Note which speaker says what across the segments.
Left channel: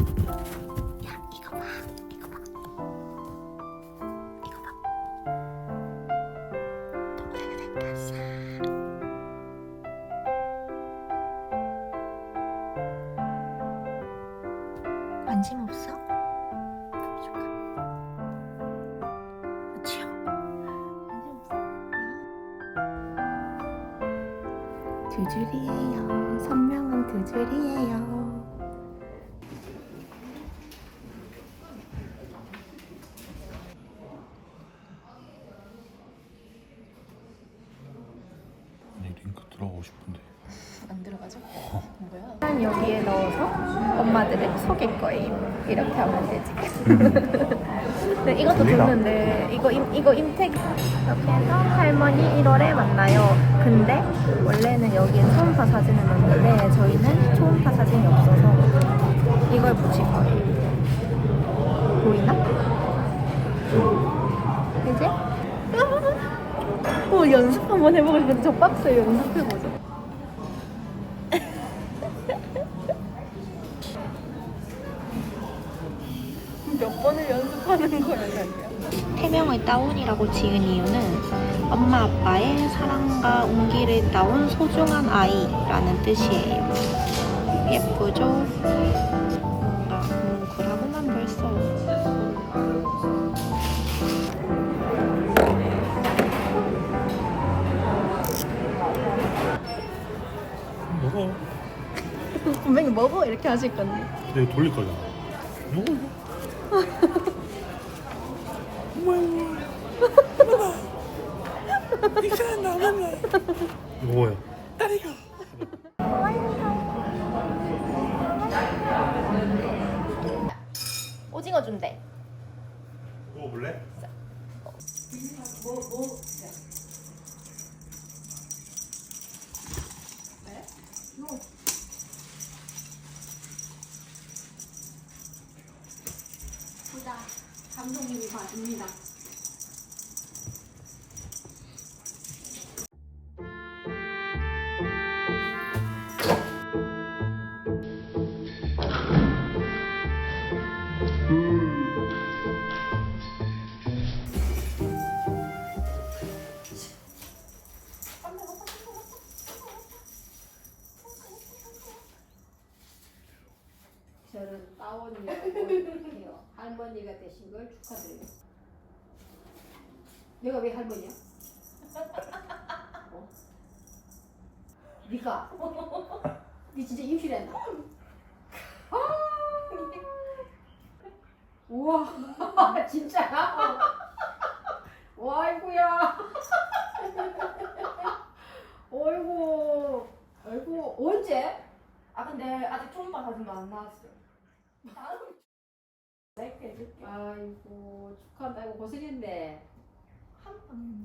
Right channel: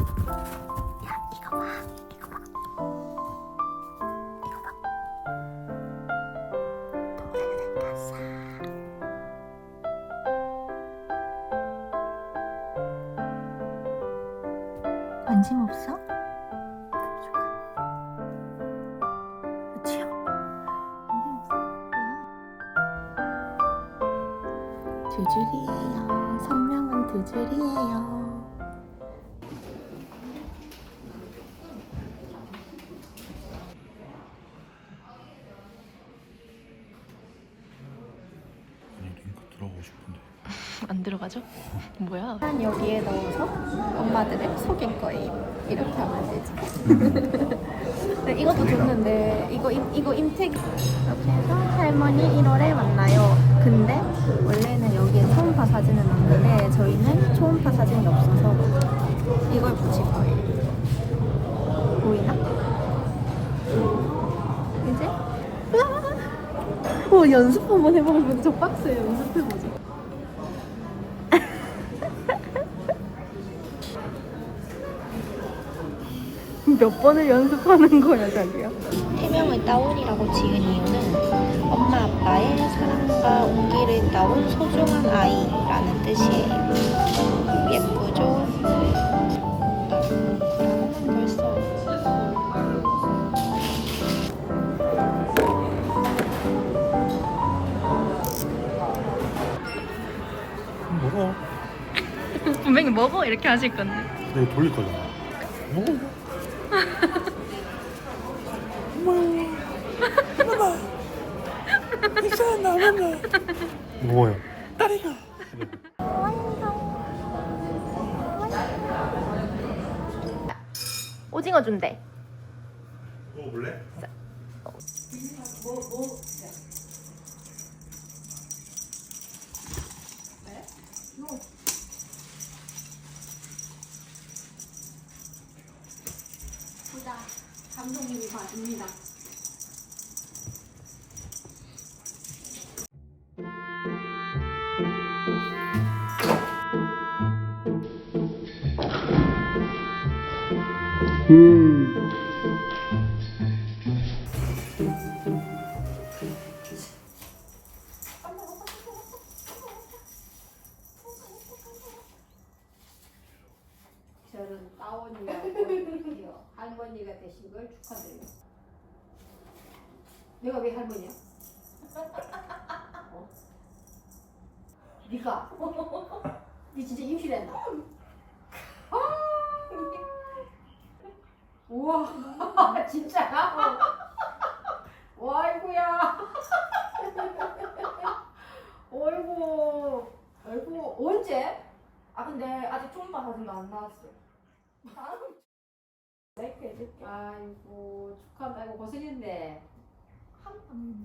Speaker 1: 야 이거 봐 이거 봐 이거 봐 동생은 생겼어 관심 없어? 그치요? 관심 없어? 두 줄이에요. 선명한 두 줄이에요.
Speaker 2: 아니 링크 들어가고 싶은데
Speaker 1: 안 들어가죠? 뭐야? 여기에 넣어서 엄마들을 속일 거예요. 이렇게 하면 되지. 네, 이것도 좋는데 이거 임, 이거 임택 이렇게 해서 할머니 1월에 만나요. 근데 원래는 여기에 초음파 사진을 넣는데 저희는 초음파 사진이 없어서 이걸 붙일 거예요. 보이나? 이제 어, 연습 한번 해보고 싶은데 저 박스에 연습해보자. 몇 번을 연습하는 거야, 자기야? 태명을 따온이라고 지은 이유는 엄마 아빠의 사랑과 온기를 따온 소중한 아이라는 뜻이에요. 예쁘죠?
Speaker 2: 먹어
Speaker 1: 분명히 먹어 이렇게 하실 건데.
Speaker 2: 내가 돌릴 거잖아 먹어
Speaker 1: 오징어 준대.
Speaker 2: 먹어볼래?
Speaker 1: 보자. 감독님이 봐줍니다.
Speaker 3: 저는 따원이라고. 할머니가 되신 걸 축하드려요. 내가 왜 할머니야? 어? 니가? 니 진짜 임신했나? 아! 우와, 진짜? 와이구야. 어이구, 어이구, 언제? 아 근데 아직 초음파 사진도 안 나왔어. 낼게 해줄게. 아이고 축하한다. 아이 고 고생했네.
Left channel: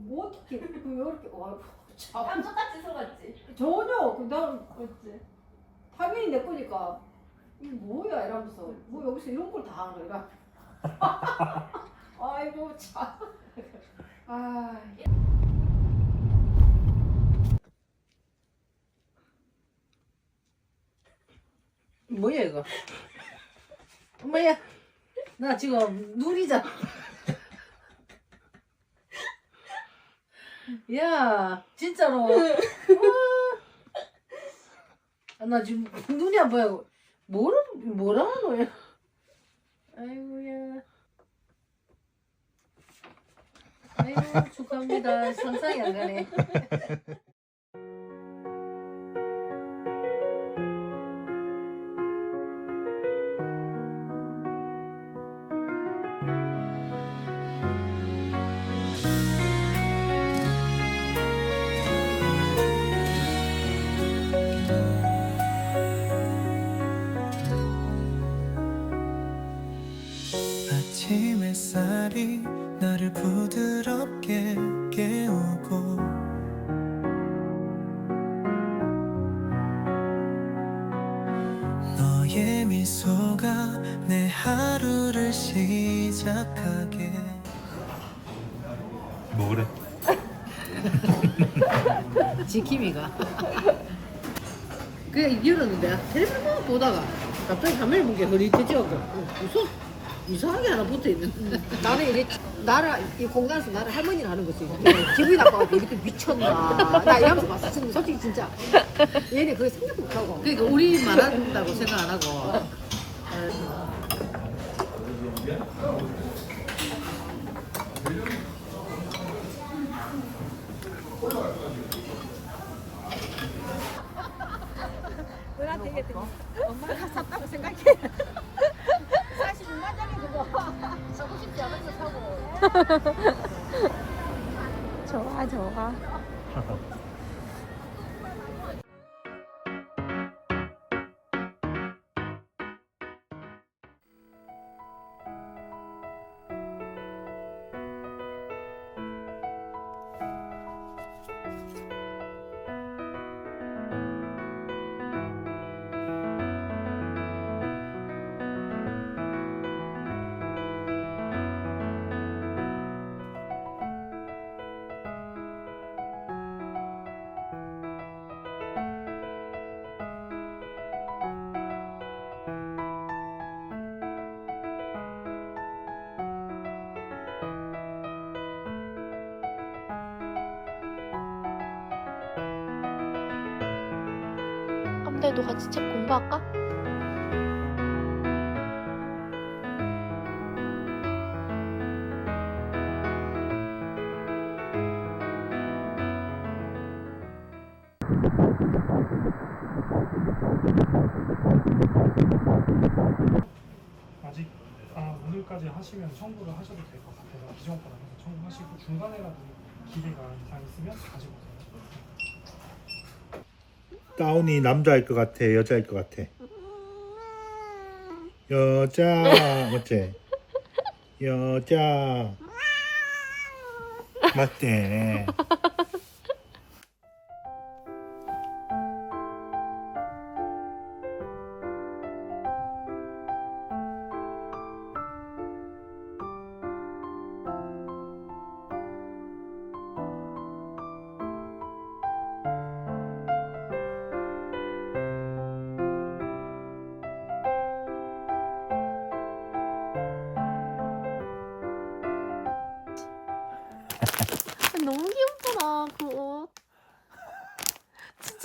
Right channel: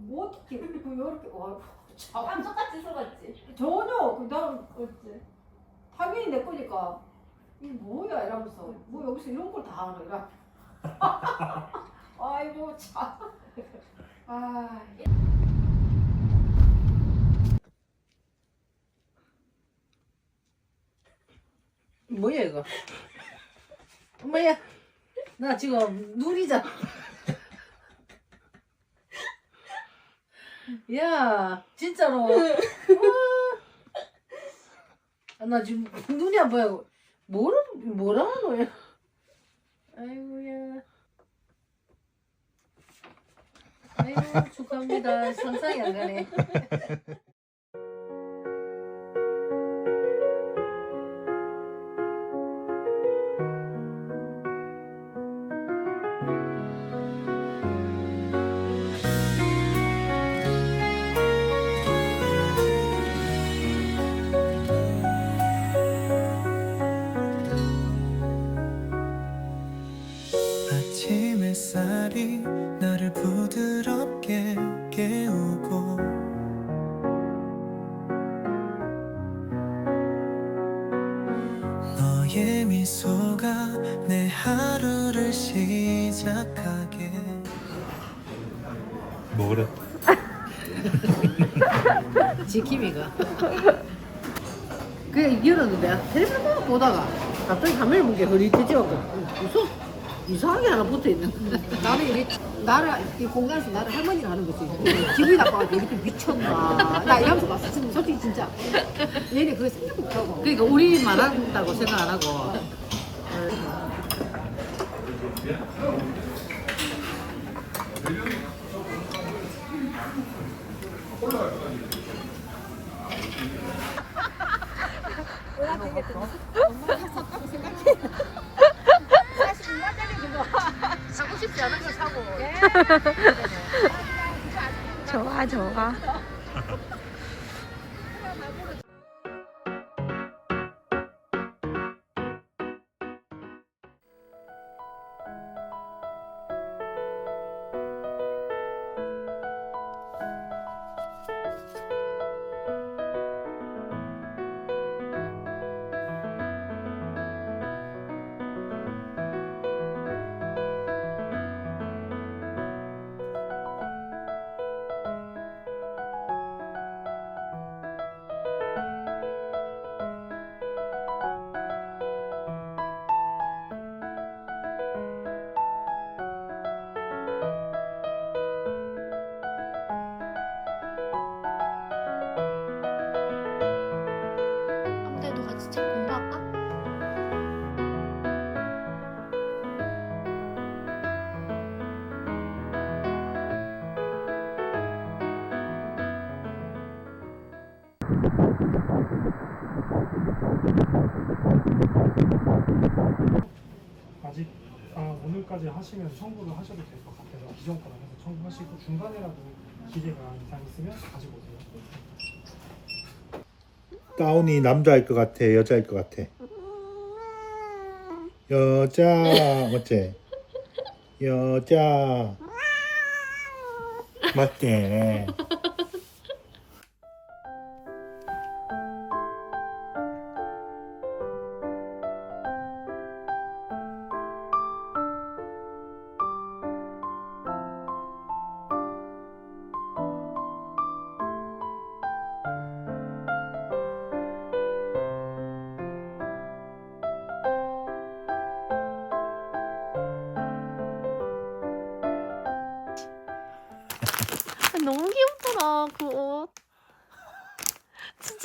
Speaker 3: 뭐 어떻게 그 이렇게 와 참.
Speaker 1: 깜짝같이 속았지.
Speaker 3: 전혀 그다음 어째 당연히 내 거니까 이 뭐야 이러면서 뭐 여기서 이런 걸 다 하노 이러. 아이고 참. 아.
Speaker 4: 뭐야 이거? 뭐야? 나 지금 눈이잖아. 야, 진짜로. 아, 나 지금 눈이 안 보여. 뭐라 뭐라 하노야? 아이고야. 아이고 축하합니다. 상상이 안 가네.
Speaker 5: 아침 햇살이 나를 부드럽게 깨우고 너의 미소가 내 하루를 시작하게.
Speaker 2: 먹으래?
Speaker 4: 지킴이가. 그냥 열었는데 텔레비전 보다가 갑자기 화면을 보게 흐릿해져갖고 무슨 이상하게 하나 붙어 있는
Speaker 3: 나는 이게 나를 이 공간에서 나를 할머니가 하는 거지. 기분이 나빠가지고 이렇게 미쳤나. 나 이하면서 봤어. 지금 솔직히 진짜. 얘네 그걸 생각 못하고.
Speaker 4: 그러니까 우리만 한다고 생각 안 하고
Speaker 3: 엄마가 샀다고 생각해.
Speaker 1: 좋아 좋아.
Speaker 6: 아직 아마 오늘까지 하시면 청구를 하셔도 될 것 같아요. 기존 거랑 해서 청구하시고 중간에라도 기대가 이상 있으면 가지고 오세요.
Speaker 2: 다운이 남자일 것 같아, 여자일 것 같아. 여자, 어째? 여자. 맞대.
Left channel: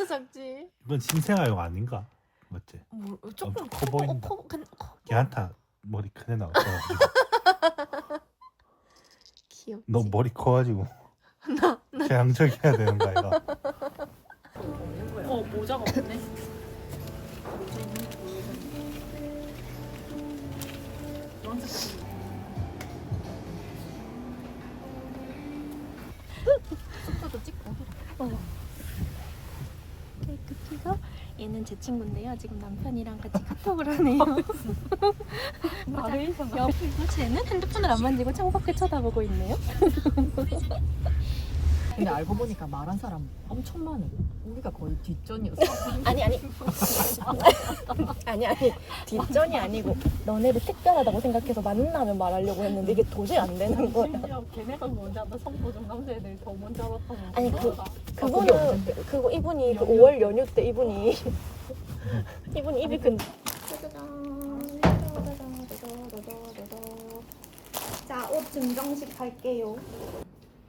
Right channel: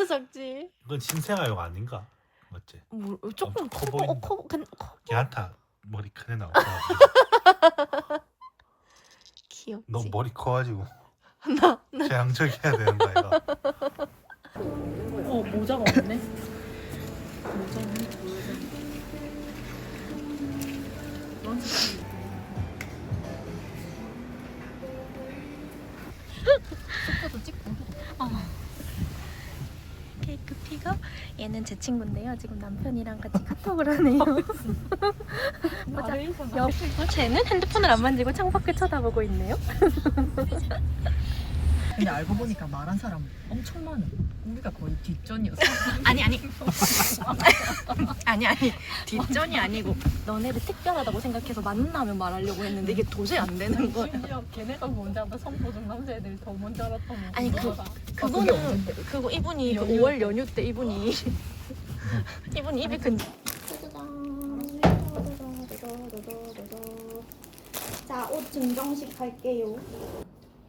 Speaker 1: 작지?
Speaker 2: 이건 신생아용 아닌가? 맞지?
Speaker 1: 뭐 조금
Speaker 2: 어,
Speaker 1: 커커
Speaker 2: 보인다.
Speaker 1: 어, 커 근- 커
Speaker 2: 걔한테 머리 크게 나와.
Speaker 1: 귀엽지.
Speaker 2: 너 머리 커가지고
Speaker 1: 나, 나
Speaker 2: 양적해야 되는 거야. 이거.
Speaker 7: 어 모자가 없네.
Speaker 1: 어. 크 픽업. 얘는 제 친구인데요. 지금 남편이랑 같이 카톡을 하네요. 옆, 어, 쟤는 핸드폰을 안 만지고 창밖을 쳐다보고 있네요.
Speaker 7: 근데 알고 보니까 말한 사람 엄청 많아. 우리가 거의 뒷전이었어.
Speaker 1: 아니 아니. 아니 아니. 뒷전이 아니고 너네를 특별하다고 생각해서 만나면 말하려고 했는데 이게 도저히 안 되는 거야.
Speaker 7: 심지어 걔네가 먼저 알아. 선보정 남자애들이 더 먼저 알았던
Speaker 1: 아니, 그-. 그거는 그거 이분이 그 5월 연휴 때 이분이 이분이 입이 근.
Speaker 8: 자, 옷 증정식 할게요.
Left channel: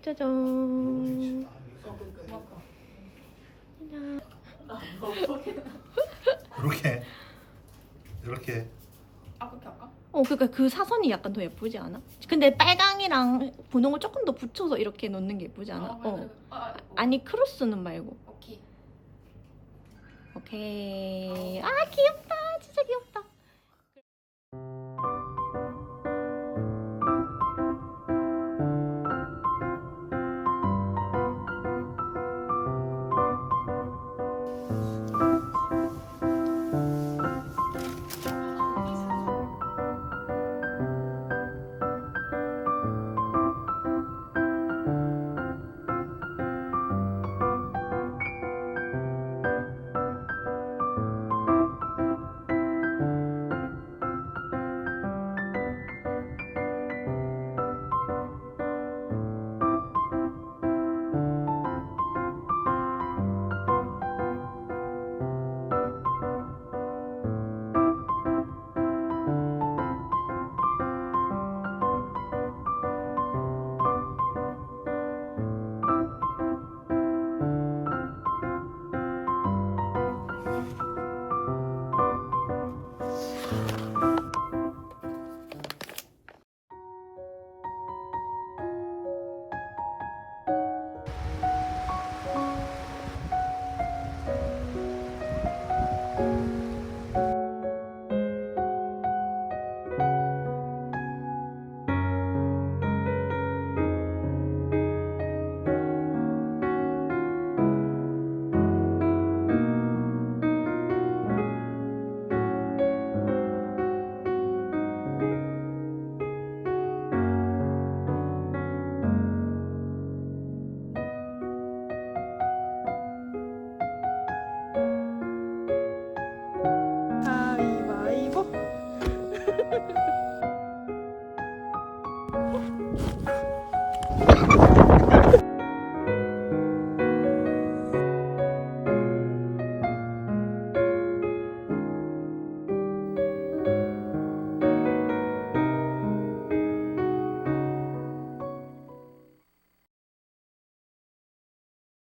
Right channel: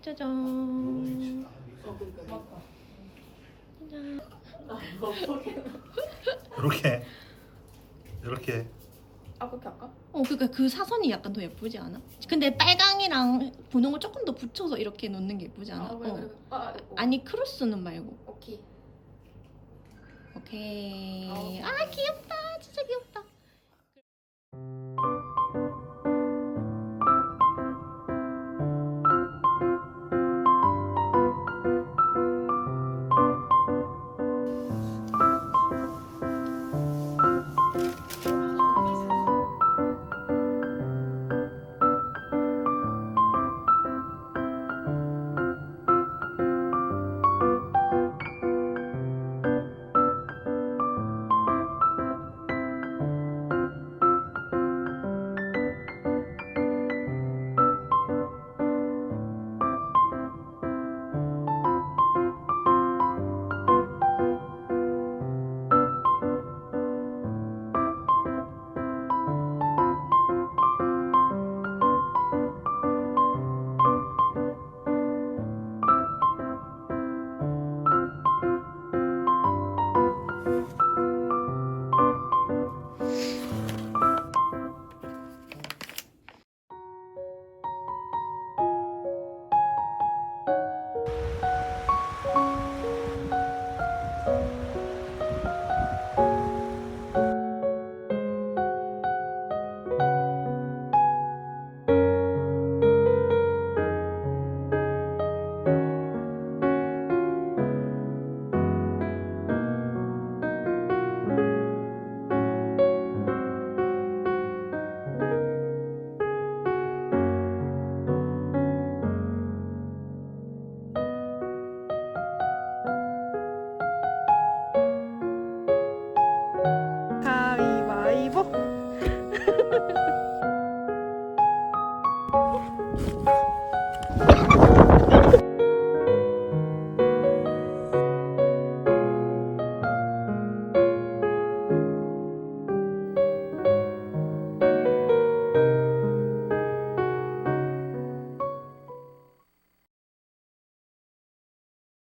Speaker 1: 짜잔.
Speaker 2: 이렇게 이렇게
Speaker 7: 아 그렇게 할까?
Speaker 1: 어, 그러니까 그 사선이 약간 더 예쁘지 않아? 근데 빨강이랑 분홍을 조금 더 붙여서 이렇게 놓는 게 예쁘지 않아? 어.
Speaker 7: 아,
Speaker 1: 아니 크로스는 말고.
Speaker 7: 오케이.
Speaker 1: 오케이. 아 귀엽다.